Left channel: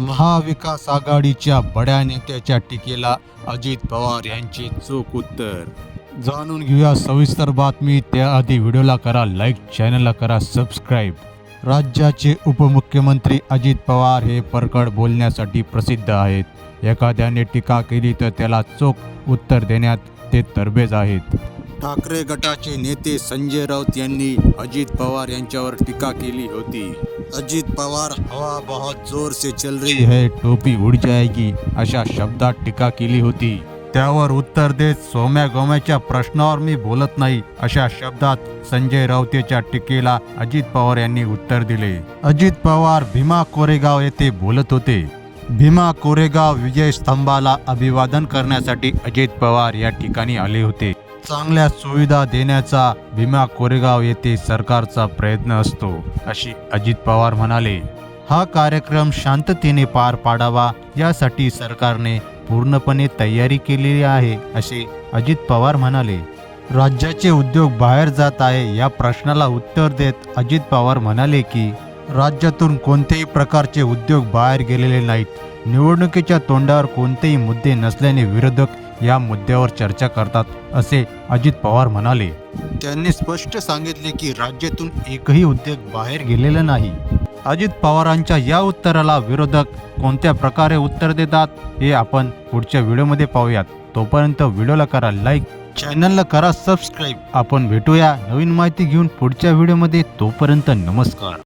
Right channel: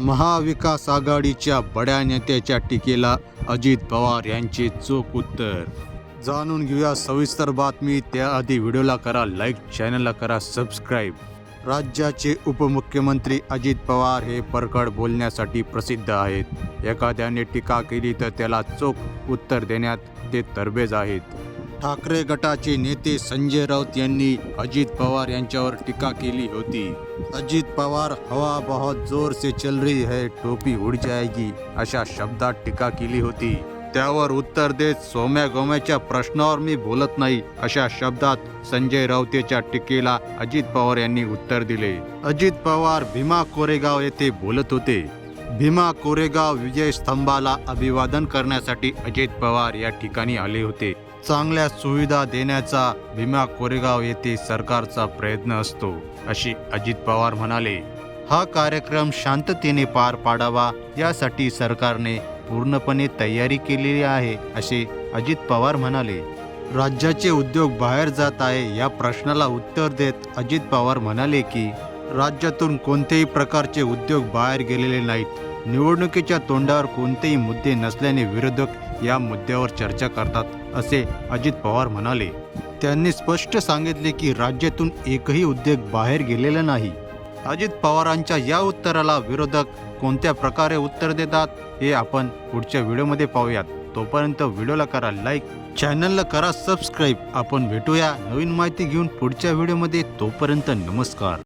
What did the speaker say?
महाविकास आघाडीच्या बड्या नेत्याच्या टीकेला अजित पवार यांचे चोख उत्तर. जाणून घेऊया सविस्तर बातमी. त्याआधी व्हिडिओला करा लाईक चॅनलला करा सबस्क्राईब. राज्याचे उपमुख्यमंत्री अजित पवार हे परकड बोलण्यासाठी प्रसिद्ध आहेत. एखाद्याने टीका केली तर त्याला चोख उत्तर देण्यात ते तरबेज आहेत. ठाकरे गटाचे नेते संजय राऊत यांनी अजित पवार यांच्यावर टीका केली होती. अजित पवार हवा बहुत जोर से चल रही है टोपी उड जाएगी अशा शब्दात टीका केली होती. त्यावर उत्तर देत सोम्या गोम्याच्या प्रश्नावर मी बोलत नाही अशा शब्दात संजय राऊतेच्या टीकेला अजित पवार यांनी उत्तर दिले. अजित पवार भीमा कोरेगाव येथे बोलत होते. भीमा कोरेगाव विजय स्तंभाला अभिवादन करण्यासाठी अजित पवार या ठिकाणी आले होते. चांगल्या सुविधा देण्याचा भीमा कोरेगाव येथे सरकारचा प्रयत्न असतो असे अजित पवार म्हणाले. हा कार्यक्रम शांततेने पार पाडावा यासाठी सरकारने पूर्णपणे तयारी केलेली आहे असे अजित पवार म्हणाले. राज्याचे उद्योग बाहेर जात आहे या प्रश्नाला उत्तर देत अजित पवार म्हणाले की राज्यातून कोणत्याही प्रकारचे उद्योग बाहेर गेलेले नाहीत. निवडणुकीच्या तोंडावर कोणतेही मुद्दे नसल्याने विरोधक या मुद्द्यावर चर्चा करतात असे अजित पवार म्हणाले. त्यांनी स्पष्ट सांगितले की राज्यातून एकही उद्योग बाहेर गेलेला नाही. अजित पवारांच्या या उत्तराला विरोधक कोणत्या प्रकारे उत्तर देतात हे आपण पुढच्या व्हिडिओमध्ये पाहूयात. तोपर्यंत व्हिडिओला करा लाईक चॅनलला करा सबस्क्राईब. आपण भेटूया नवीन माहिती घेऊन पुढच्या व्हिडिओमध्ये. तोपर्यंत नमस्कार.